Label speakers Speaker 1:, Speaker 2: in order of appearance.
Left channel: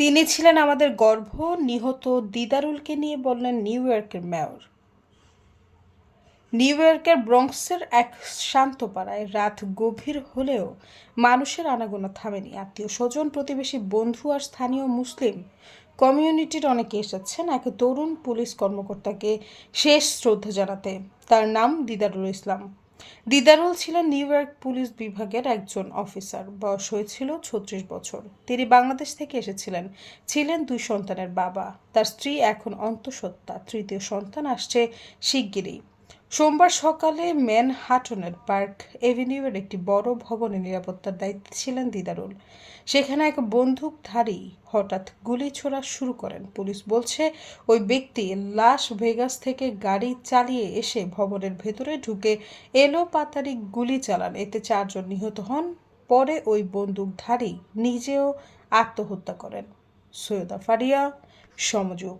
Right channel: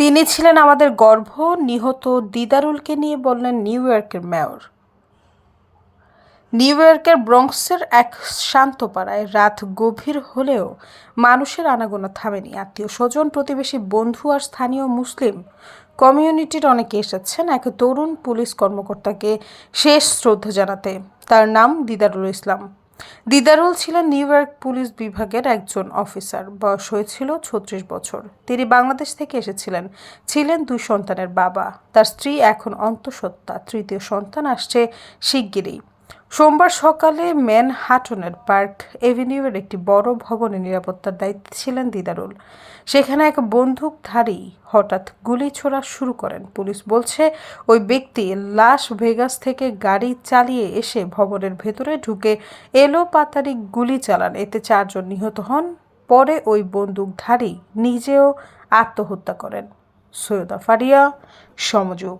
Speaker 1: তিনি ছিলেন আমাদের গর্ভ, নিহত দিদারুলকে নিয়ে বললেন নিউ ইয়র্কের মেয়র। নিউ ইয়র্কের ব্রঙ্কসের এক শান্ত পাড়ায় রাত গভীর হলেও মানুষের আনাগোনা থামেনি। আত্মীয় স্বজন, প্রতিবেশী, বন্ধু আর স্থানীয় মুসলিম কমিউনিটির অনেকে এসেছেন এক তরুণ পুলিশ কর্মকর্তাকে শেষ শ্রদ্ধা জানাতে। তার নাম দিদারুল ইসলাম। দিদারুল ছিলেন নিউ ইয়র্ক পুলিশ বিভাগের একজন অফিসার। বয়স হয়েছিল ছত্রিশ বছর। তিনি বাংলাদেশ থেকে এসেছিলেন। ছিলেন দুই সন্তানের বাবা। তার স্ত্রী এখন অন্তঃসত্ত্বা। তৃতীয় সন্তান আসছে শিগগিরই। সোমবার সকালে ম্যানহাটনের পার্ক এভিনিউয়ের একটি বড় ভবনে নিরাপত্তার দায়িত্বে ছিলেন দিদারুল। সেখানে এক বন্দুকধারী হঠাৎ গুলি ছোড়া শুরু করেন। পুলিশ বলছে, ওই ব্যক্তি লাস ভেগাস থেকে গাড়ি চালিয়ে এসে ভবনের ভেতরে ঢুকে এলো পাতারি গুলি চালান। এতে চারজন নিহত হন, পরে ওই বন্দুকধারী নিজেও আত্মহত্যা করেন। সৈয়দা ফারিয়া, সমযোগ।